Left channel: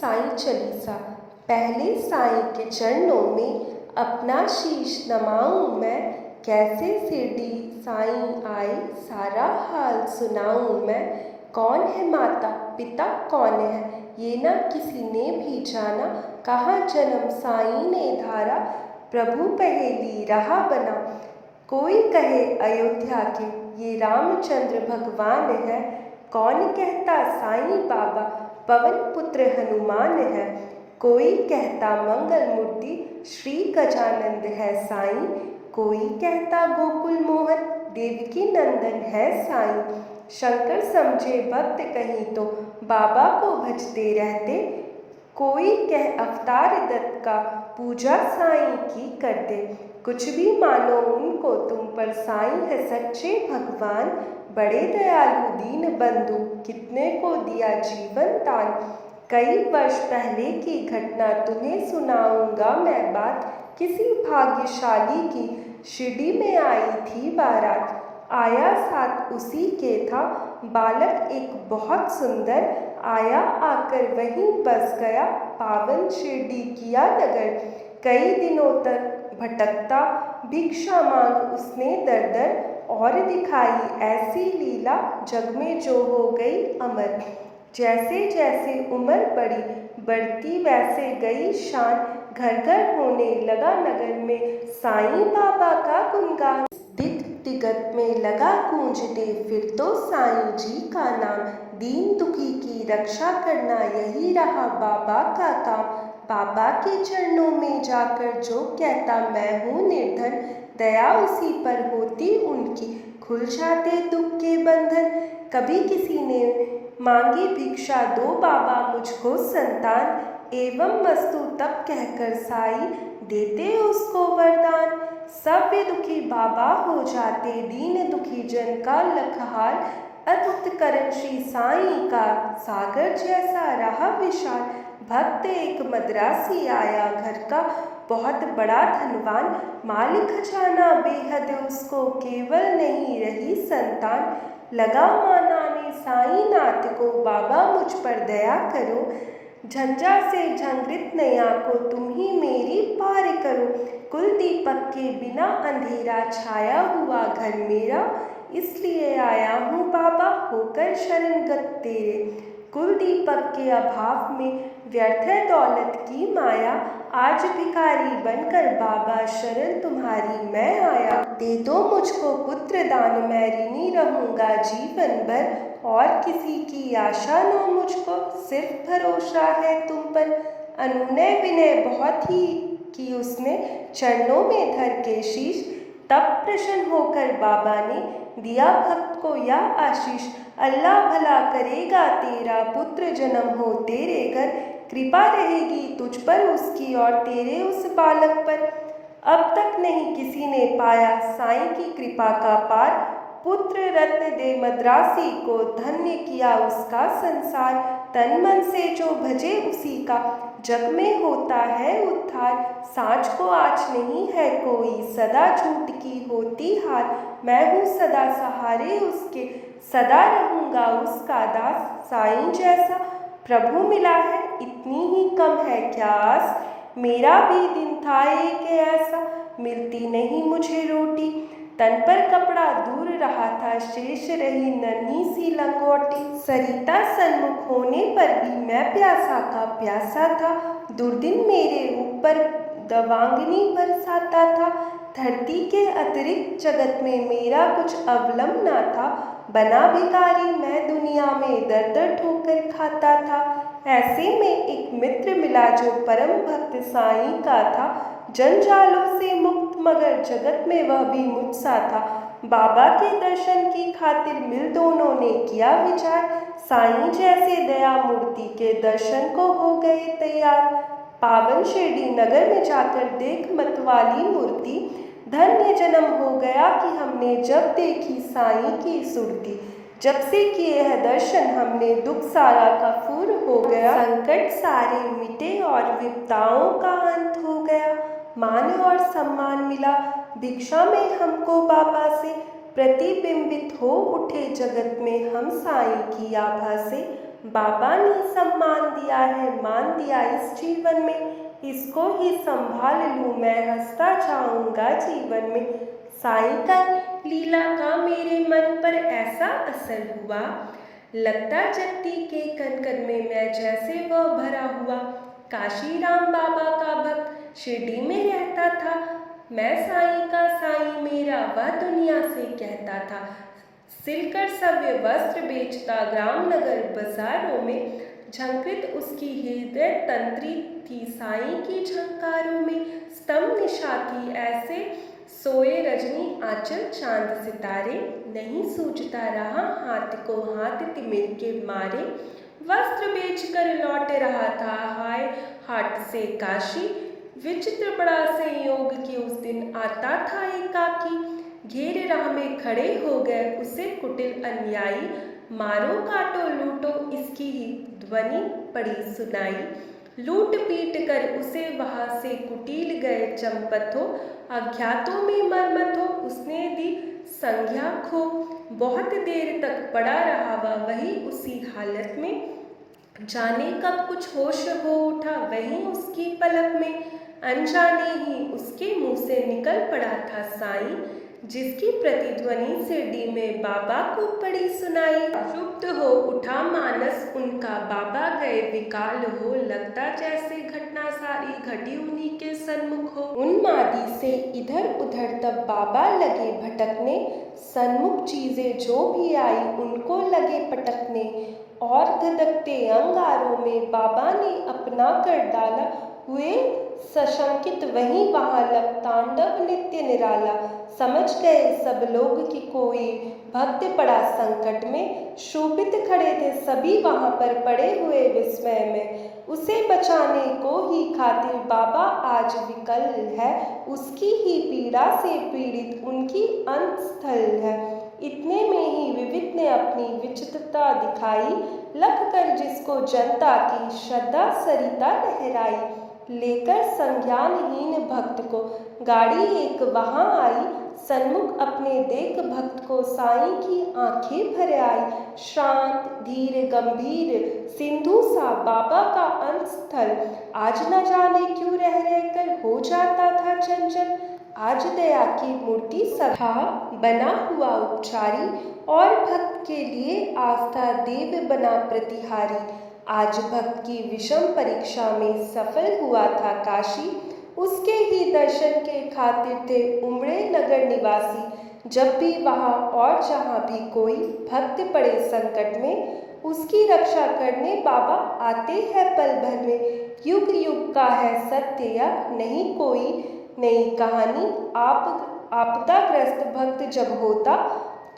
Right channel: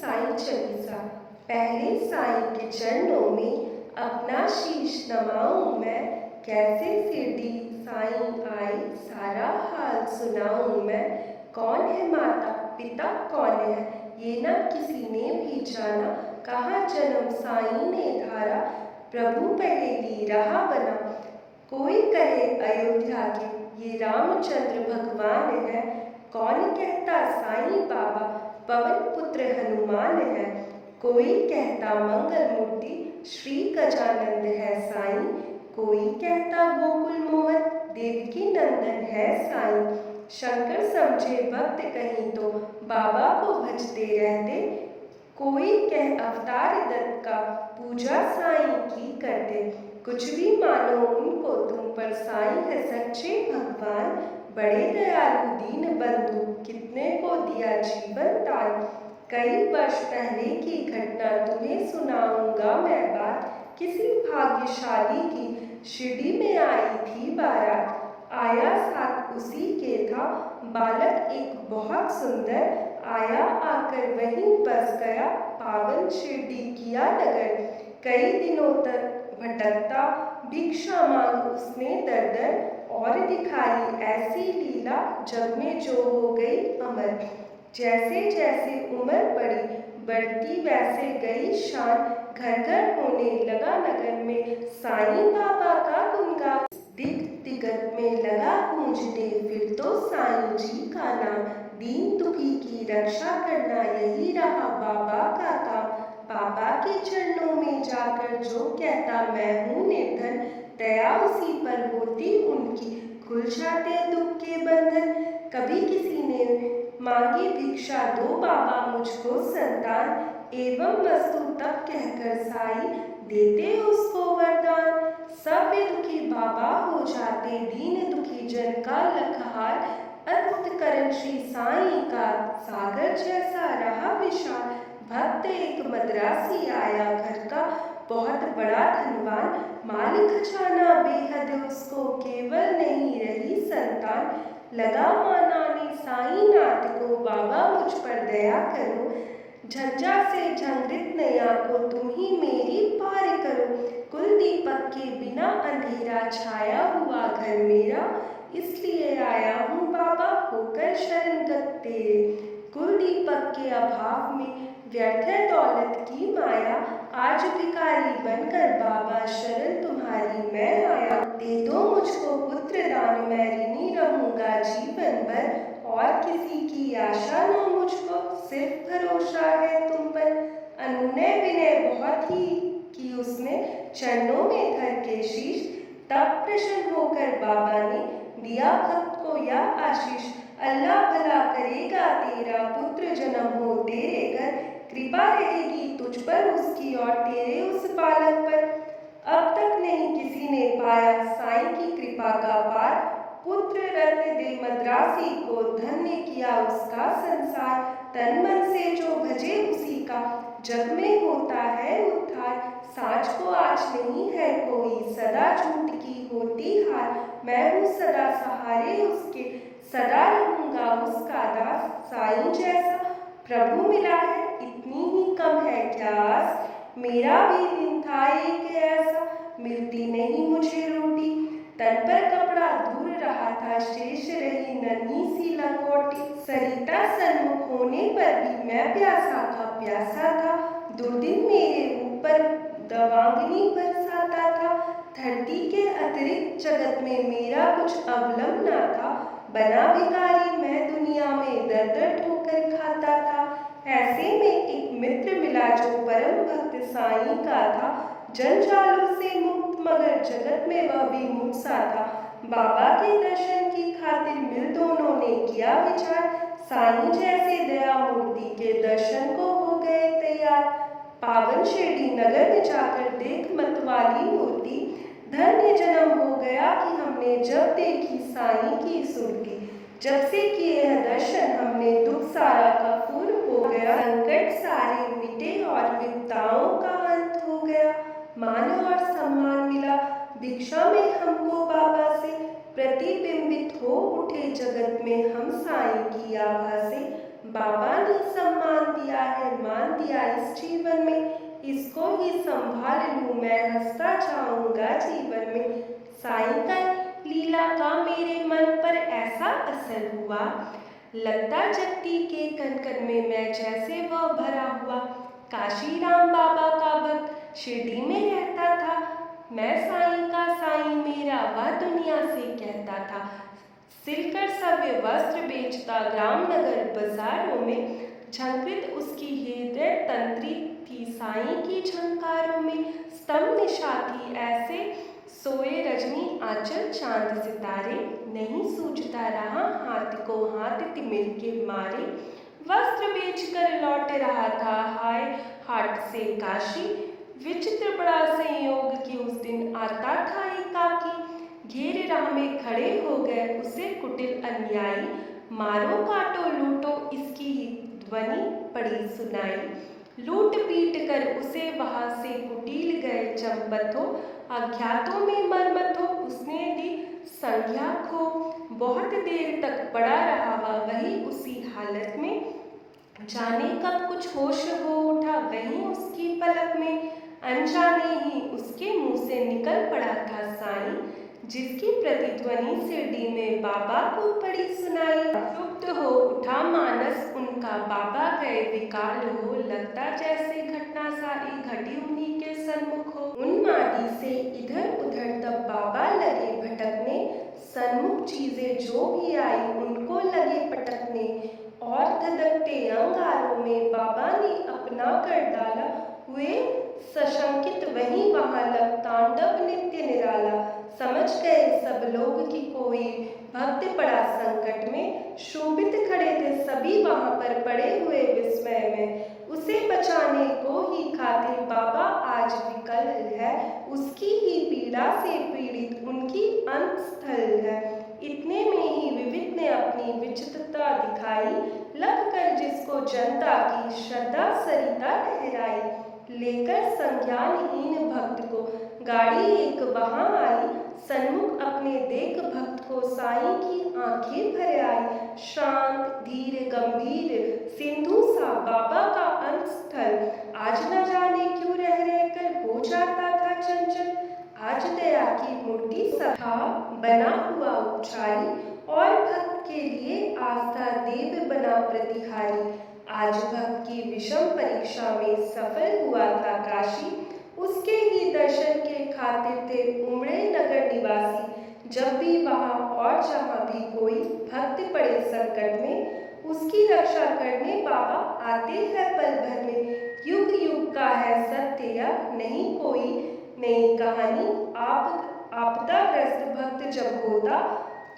साईं चालीसा। पहले साईं के चरणों में अपना शीश नमाऊं मैं, कैसे शिरडी साईं आए सारा हाल सुनाऊं मैं। कौन है माता पिता कौन है ये ना किसी ने भी जाना, कहाँ जन्म साईं ने धारा प्रभु पहेली रहा बना। कोई कहे अयोध्या के ये रामचंद्र भगवान है, कौन कहता साईं बाबा पवन पुत्र हनुमान है। कोई कहता मंगल मूर्ति श्री गजानंद है साईं, कोई कहता गोकुल मोहन देवकी नंदन है साईं। शंकर समझे भक्त कहीं तो बाबा को भजते रहते, कोई कह अवतार दत्त का पूजा साईं की करते। कुछ भी मानो उनको तुम पर साईं है सच्चे भगवान, बड़े दयालु दीन बंधु कितने को दिया जीवन दान। कई वर्ष पहले की घटना तुम्हें सुनाऊंगा मैं बात, किसी भाग्यशाली की शिरडी में आई थी बारात। आया साथ उसी के था बालक एक बहुत सुंदर, आया आकर वहीं बस गया पावन शिरडी किया नगर। कई दिनों तक भटकता भिक्षा मांग उसने दर दर, और दिखाई ऐसी लीला जग में जो हो गई अमर। जैसे जैसे उम्र बढ़ती वैसे गई शान, घर घर होने लगा नगर में साईं बाबा का गुणगान। दिग दिगत में लगा गूंजने फिर तो साईं जी का नाम, दीन दुखी की रक्षा करना यही रहा बाबा का काम। बाबा के चरणों में जाकर जो कहता मैं हूँ निर्धन, दया उसी पर होती उनकी खुल जाते दुख के बंधन। कभी किसी ने मांगी भिक्षा दो बाबा मुझको संतान, एवं वस्तु तब कहकर साईं देते उसको वरदान। सब वे दुखी बाबा हो जाते दीन दुखी जन का लखहार, अद्भुत करण श्री साईं का सागर जैसा रहा विशाल। भक्त एक मद्रासी आया घर का बहुत बड़ा धनवान, मालिक खजाना बेहद उसको केवल नहीं रही संतान। लगा मानाने साईं नाथ को बाबा मुझ पर दया करो, झंझा से झंकृत नैया को तुम ही मेरी पार करो। कुल दीपक के बिना अंधेरा छाया हुआ घर मेरा, इसलिए आया हूँ बाबा होकर शरणगत तेरे। कुल दीपक के अभाव में व्यर्थ है दौलत की माया, आज भिखारी बनकर बाबा शरण तुम्हारी मैं आया। दे दो मुझको पुत्र दान मैं ऋणी रहूँगा जीवन भर, और किसी की आशा न मुझको सिर्फ भरोसा है तुम पर। अनुनय विनय बहुत ही की उसने चरणों में धर के शीश, तब प्रसन्न होकर बाबा ने दिया भक्त को यह आशीष। अल्लाह भला करेगा तेरा पुत्र जन्म हो तेरे घर, कृपा रहेगी तुझ पर उसकी और तेरे उस बालक पर। अब तक नहीं किसी ने पाया साईं की कृपा का पार, पुत्र रत्न दे मद्रासी को धन्य किया उसका संसार। तन मन से जो भजे उसी का जग में होता है उद्धार। सांच को आँच नहीं है कोई सदा झूठ की होती हार, मैं हूँ सदा सहारे उसके सदा रहूँगा उसका दास। साईं जैसा प्रभु मिला है इतनी ही कम है क्या आस, मेरा भी दिन था एक ऐसा मिलती नहीं मुझे रोटी। तन पर कपड़ा दूर रहा था शेष रही नन्ही सी लंगोटी, सरिता सन्मुख होने पर भी मैं प्यासा का प्यासा था। दुर्दिन मेरे ऊपर दवांगनी बरसाता था, धरती के अतिरिक्त जगत में मेरा कुछ अवलंब ना था। बना भिखारी मैं दुनिया में दर दर ठोकर खाता था, ऐसे में एक मित्र मिला जो परम भक्त साईं का था। जंजालों से मुक्त मगर जगत में वह भी मुझसा था, बाबा के दर्शन की खातिर मिल दोनों ने किया विचार। साईं जैसे दया मूर्ति के दर्शन को हो गए तैयार, पावन शिरडी नगर में जाकर देख मतवाली मूर्ति। धन्य जन्म हो गया कि हमने जब देखी साईं की सुरती, जब से किए है दर्शन हमने दुख सारा का दूर हो गया। संकट सारे मिटे और विपदाओं का अंत हो गया, मान और सम्मान मिला भिक्षा में हमको बाबा से। प्रतिबिंबित हो उठे जगत में हम साईं की आभा से, बाबा ने सम्मान दिया है, मान दिया इस जीवन में, इसको ही संभाल लूँ मैं, हंसता जाऊंगा जीवन में। साईं का लीला का मेरे मन पर ऐसा असर हुआ, लगता जगती के कण कण में मैं जैसे वह भरा हुआ। काशी राम बाबा का भक्त शिरडी में रहता था, मैं साईं का साईं मेरा वह दुनिया से कहता था। सिलकर सव्य वस्त्र बेचता ग्राम नगर बाजारों में, झंकृत उसकी हृदय तंत्री थी साईं की झंकारों में। स्तंभ निशा थी ऐसे सोए रजनी आंचल चांद सितारे, नहीं सूझता रहा हाथ को हाथ तिमिर के मारे। वस्त्र बेचकर लौट रहा था हाय हाट से काशी, विचित्र बड़ा संयोग कि उस दिन आता था एकाकी। घेर राह में खड़े हो गए उसे कुटिल अनुयायी, मारो काटो लूटो इसकी ही ध्वनि पड़ी सुनाई। लूट पीट कर उसे वहां से कुटिल गए चंपथो, अज्ञातों में मरमथो उसने दी संज्ञा खो। बहुत देर तक पड़ा रहा वही उसी हालत में, जाने कब कुछ होश हो उठा वहीं उसकी पलक में। अनजाने ही उसके मुंह से निकल पड़ा था साईं, जिसकी प्रतिध्वनि शिरडी में बाबा को पड़ी सुनाई। क्षुब्ध हो उठा मानस उनका, बाबा गए विकाल हो, लगता जैसे घटना सारी घटी उन्हीं के सन्मुख हो। उन्मादी से इधर उधर तब बाबा लगे भटकने, सन्मुख चीजें जो भी आई उनको लगे पटकने। और धधकते अंगारों में बाबा ने अपना कर डाला, हुए सशंकित वहीं वहां लग तांडव नित्य निराला। समझ गए सब लोग कि कोई भक्त पड़ा संकट में, शोभित खड़े थे सभी वहां पर पड़े हुए विस्मय में। उसे बचाने को ही खातिर बाबा आज विकल है, उसकी ही पीड़ा से पीड़ित उनकी अंत स्थल है। इतने में ही विविध ने अपनी विचित्रता दिखाई, लग कर जिसको जनता की श्रद्धा सरिता लहराई। लेकर संज्ञानहीन भक्त को गाड़ी एक वहां आई, सन्मुख अपने देख भक्त को साईं की आंखें भर आई। शांत धीर गंभीर सिंधु सा बाबा का अंत स्थल, आज न जाने क्यों रह रहकर हो जाता था चंचल। आज दया की मूर्ति सभा बना हुआ उपचारी, और भक्त के लिए आस्था देव बना प्रतिहारी। आज भक्त की विषम परीक्षा में सफल हुआ था काशी, उसके ही दर्शन के खातिर थे उमड़े नगर निवासी। जब भी वहाँ और जहाँ भी कोई भक्त पड़े संकट में, उसकी रक्षा करने बाबा आते हैं पल भर में। युग युग का है सत्य यह नहीं कोई नई कहानी, आपदाग्रस्त भक्त जब होता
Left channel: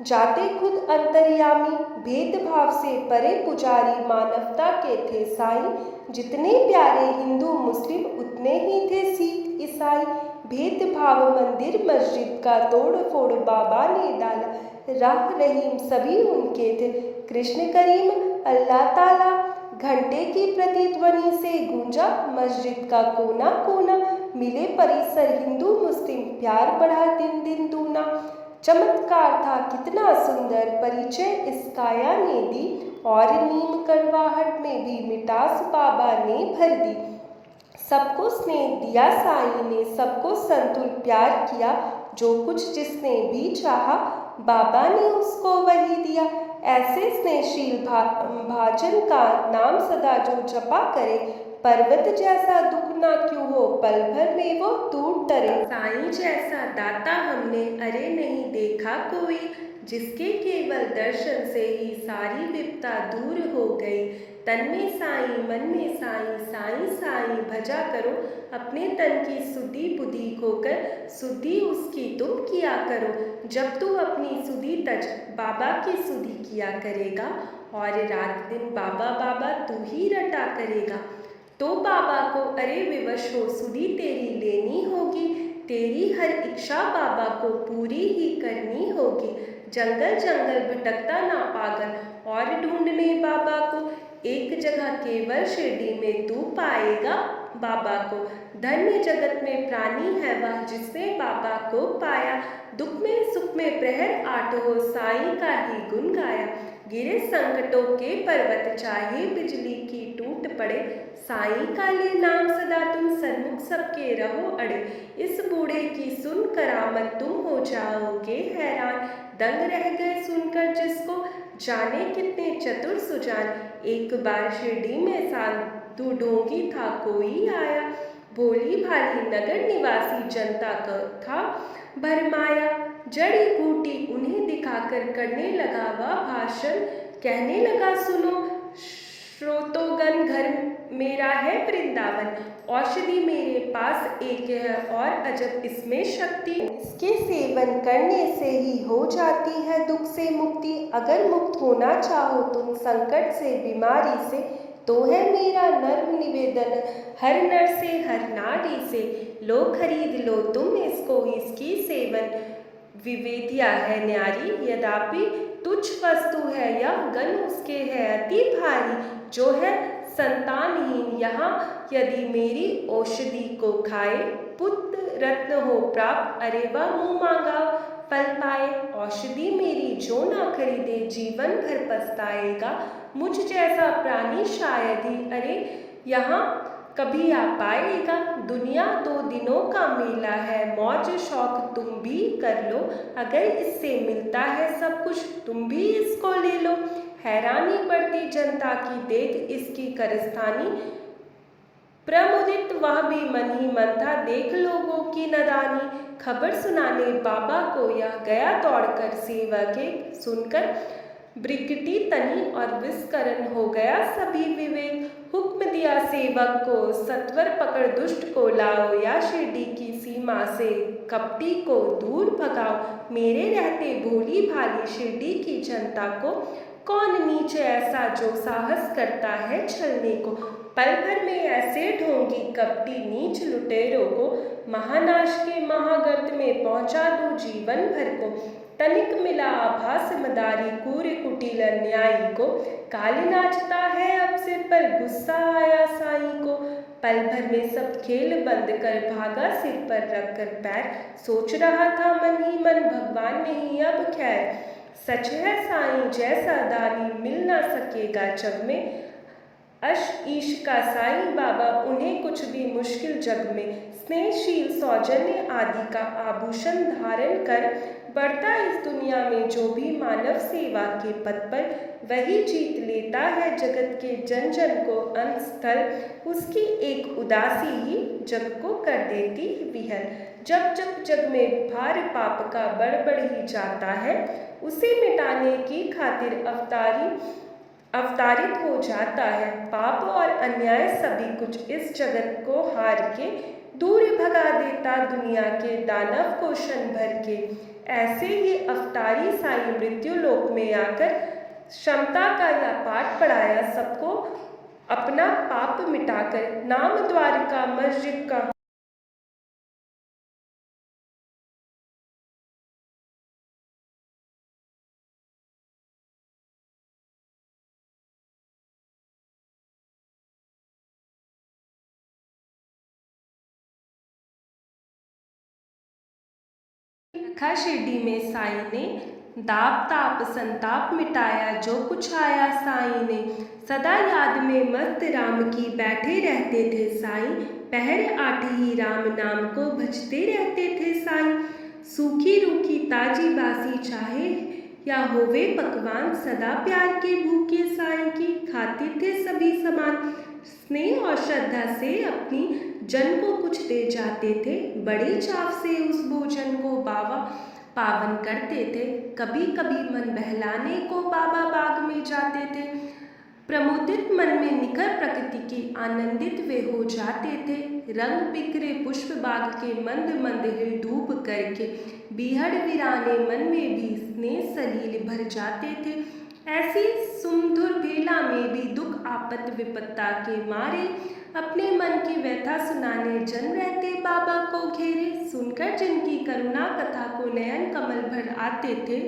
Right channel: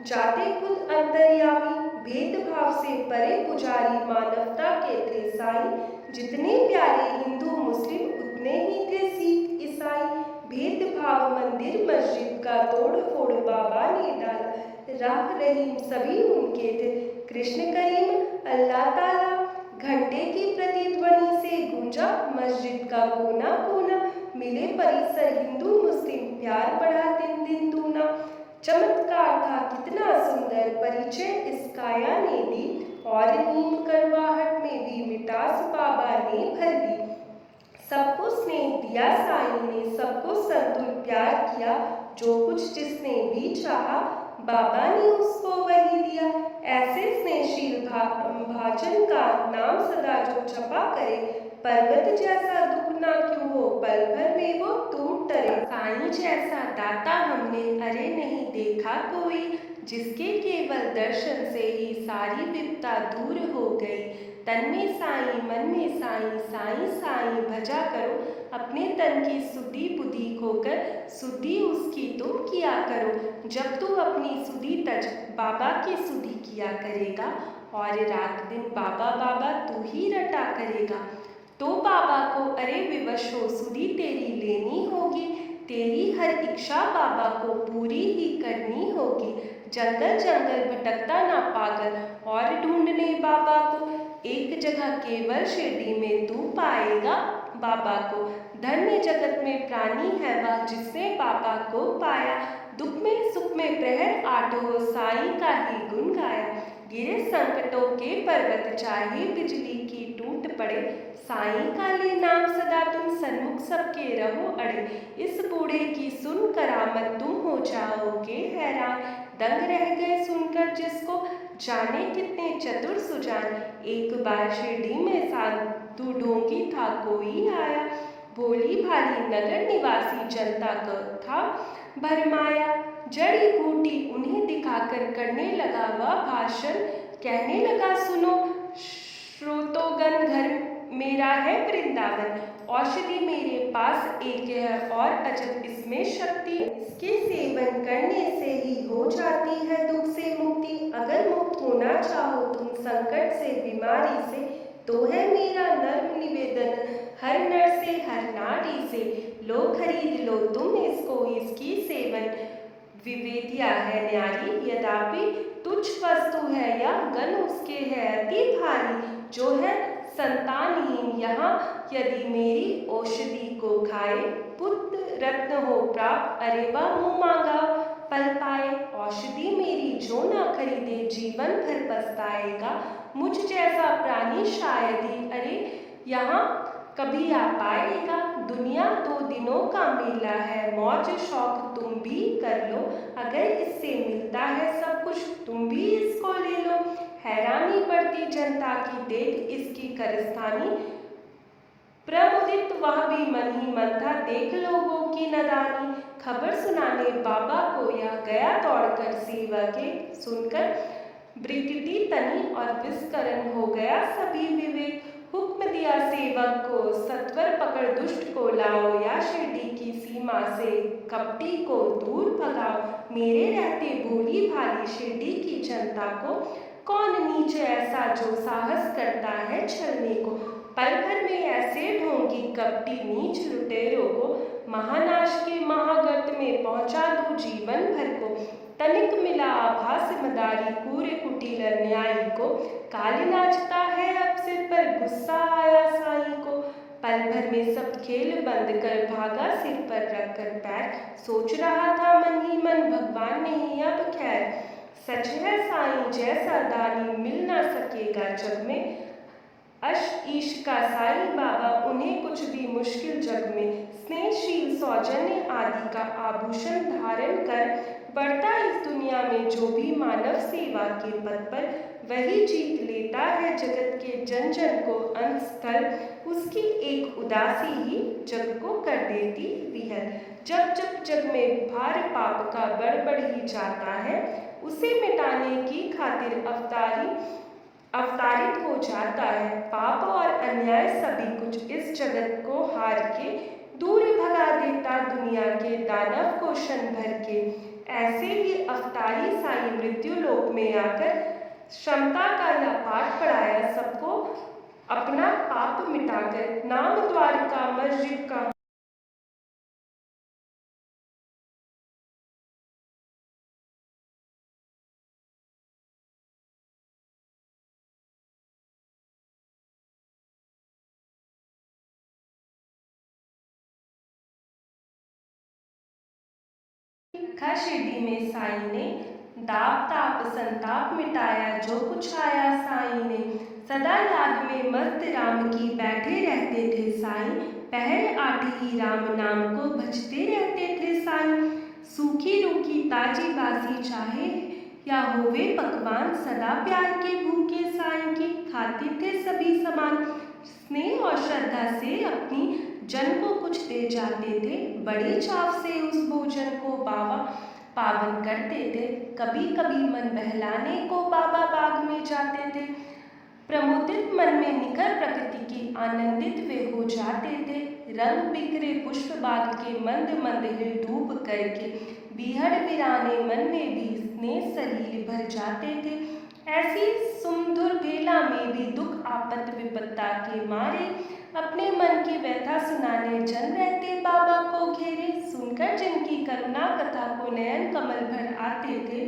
जाते खुद अंतर्यामी। भेदभाव से परे पुजारी मानवता के थे साईं, जितने प्यारे हिंदू मुस्लिम उतने ही थे सिख ईसाई। भेदभाव मंदिर मस्जिद का तोड़ फोड़ बाबा ने डाला, राह रहीम सभी उनके थे। कृष्ण करीम अल्लाह ताला, घंटे की प्रतिध्वनि से गूंजा मस्जिद का कोना कोना। मिले परिसर हिंदू मुस्लिम, प्यार बढ़ा दिन दिन दूना। चमत्कार था कितना सुंदर परिचय इस काया ने दी, और नीम करवाहट में भी मिठास बाबा ने भर दी। सबको स्नेह दिया साईं ने, सबको संतुल प्यार किया, जो कुछ जिसने भी चाहा बाबा ने उसको वही दिया। ऐसे स्नेहशील भाजन का नाम सदा जो जपा करे, पर्वत जैसा दुख ना क्यों हो पल भर में वो टूट डरे। साईं जैसा दाता हमने अरे नहीं देखा कोई, जिसके केवल दर्शन से ही सारी विपदा दूर हो गई। तन में साईं मन में साईं, साईं साईं भजा करो, अपने तन की सुधि बुद्धि खोकर सुधि उसकी तुम किया करो। जब तू अपनी सुधि तज बाबा की सुधि किया करेगा, और रात दिन बाबा बाबा तू ही रटा करेगा, तो बाबा को अरे विवश हो सुधि तेरी लेनी होगी। तेरी हर इच्छा बाबा को पूरी ही करनी होगी। जंगल जंगल भटकता ना पागल, और ढूंढने बाबा को, एक जगह केवल शिरडी में तू पाएगा बाबा को। धन्य जगत में प्राणी है वह जिसने बाबा को पाया, दुख में सुख में प्रहर आठ हो साईं का ही गुण गाया। गिरे संकटों के पर्वत, चाहे बिजली की टूट पड़े, साईं का ले नाम सदा तुम सन्मुख सबके रहो अड़े। इस बूढ़े की सुन करामत, तुम हो जाओगे हैरान, दंग रह गए सुनकर जिसको, जाने कितने चतुर सुजान। एक बार शिरडी में साधु ढोंगी था कोई आया, भोली भाली नगर निवासी जनता का था भरमाया। जड़ी बूटी उन्हें दिखाकर करने लगा वह भाषण, कहने लगा सुनो श्रोतोगण, घर मेरा है वृंदावन, औषधि मेरे पास एक है और अजब इसमें शक्ति, इसके सेवन करने से ही हो जाती है दुख से मुक्ति। अगर मुक्त होना चाहो तुम संकट से बीमारी से, तो है मेरा नर्म निवेदन हर नर से हर नारी से, लो खरीद लो तुम इसको, इसकी सेवन विवेदिया है न्यारी। यद्यपि तुच्छ वस्तु है यह, गन उसके है अति भारी, जो है संतानहीन यहाँ यदि मेरी औषधि को खाए, पुत्र रत्न हो प्राप्त, अरे वह मुँह मांगा फल पाए। औषधि मेरी जो ना खरीदे, जीवन भर पछताएगा, मुझ जैसा प्राणी शायद ही अरे यहाँ कभी आ पाएगा। दुनिया 2 दिनों का मेला है, मौज शौक तुम भी कर लो, अगर इससे मिलता है सब कुछ तुम भी इसको ले लो। हैरानी बढ़ती जनता की देख इसकी कारस्तानी, प्रमुदित वह भी मन ही मन था, देख लोगों की नदानी। खबर सुनाने बाबा को यह गया दौड़कर, सेवा के सुनकर ब्रिकटी तनी और विस्करण हो गया सभी विवेक। हुक्म दिया सेवक को, सत्वर पकड़ दुष्ट को लाओ, या शिरडी की सीमा से कपटी को दूर भगाओ। मेरे रहते भोली भाली शिरडी की जनता को, कौन नीच ऐसा जो साहस करता है छलने को। पल भर में ऐसे ढोंगी कपटी नीच लुटेरों को, महानाश के महागर्त में पहुंचा दूं जीवन भर को। तनिक मिला आभास मदारी, कूरे कुटिल न्यायी को, काली नाचता है अब सिर पर, गुस्सा आया साईं को। पल भर में सब खेल बंद कर भागा सिर पर रख कर पैर, सोच रहा था मन ही मन भगवान नहीं अब खैर। सच है साईं जैसा दानी मिल ना सकेगा जग में, अश ईश का साईं बाबा उन्हें कुछ भी मुश्किल जग में। स्नेहशील सौजन्य आदि का आभूषण धारण कर बढ़ता इस दुनिया में जो भी मानव सेवा के पद पर, वही जीत लेता है जगत के जन जन को। अंत स्थल उसकी एक उदासी ही जग को कर देती विहर। जब जब जग में भार पाप का बढ़ ही जाता है, उसे मिटाने की खातिर अवतारित हो जाता है। पाप और अन्याय सभी कुछ इस जगत को हार के दूर भगा देता दुनिया के दानव को क्षण भर के। ऐसे ही अवतारी साईं मृत्यु लोक में आकर क्षमता का यह पाठ पढ़ाया सबको, अपना पाप मिटाकर नाम द्वारका मस्जिद का रखा। शिरडी में साईं ने दाप ताप संताप मिटाया, जो कुछ आया साईं ने। सदा याद में मस्त राम की बैठे रहते थे साईं, पहर आठ ही राम नाम को भजते रहते थे साईं। सूखी रूखी ताजी बासी चाहे या होवे पकवान, सदा प्यार के भूखे साईं की खाते थे सभी समान। स्नेह और श्रद्धा से अपनी जन को कुछ दे जाते थे, बड़े चाव से उस भोजन को बाबा पावन करते थे। कभी कभी मन बहलाने को बाबा बाग में जाते थे, प्रमुदित मन में निखर प्रकृति की आनंदित वे हो जाते थे। रंग बिखरे पुष्प बाग के मंद मंद हिल डूब करके, बीहड़ वीराने मन में भी स्नेह सलील भर जाते थे। ऐसी सुमधुर बेला में भी दुख आपत विपत्ता के मारे, अपने मन की व्यथा सुनाने जन रहते बाबा को घेरे। सुनकर जिनकी करुणा कथा को नयन कमल भर आते थे,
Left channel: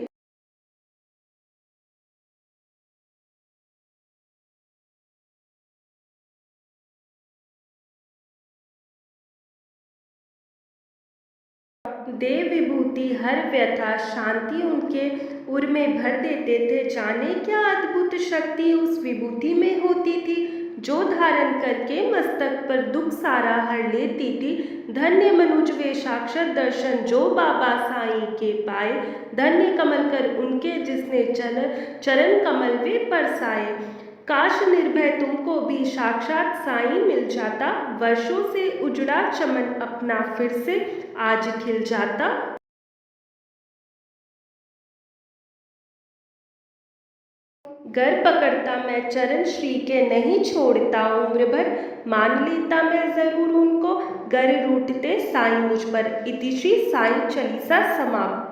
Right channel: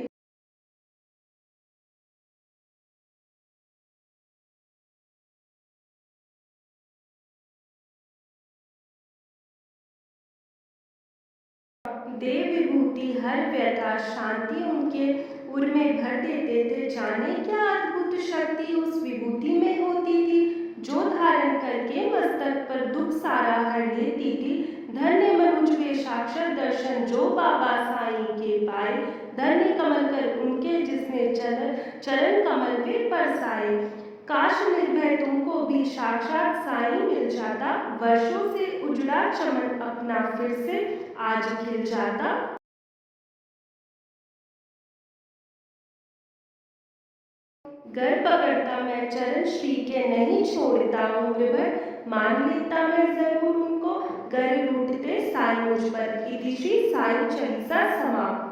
दे विभूति हर व्यथा शांति उनके उर में भर देते थे। जाने क्या अद्भुत शक्ति उस विभूति में होती थी, जो धारण करके मस्तक पर दुख सारा हर लेती थी। धन्य मनुज वे साक्षात दर्शन जो बाबा साईं के पाए, धन्य कमल कर उनके जिसने चरण कमल वे परसाए। काश निर्भय तुमको भी साक्षात साईं मिल जाता, वर्षों से उजड़ा चमन अपना फिर से आज खिल जाता। गर पकड़ता मैं चरण श्री के नहीं छोड़ता उम्र भर, मान लेता मैं जरूर उनको, गर रूठते साईं मुझ पर। इति श्री साईं चालीसा समाप्त।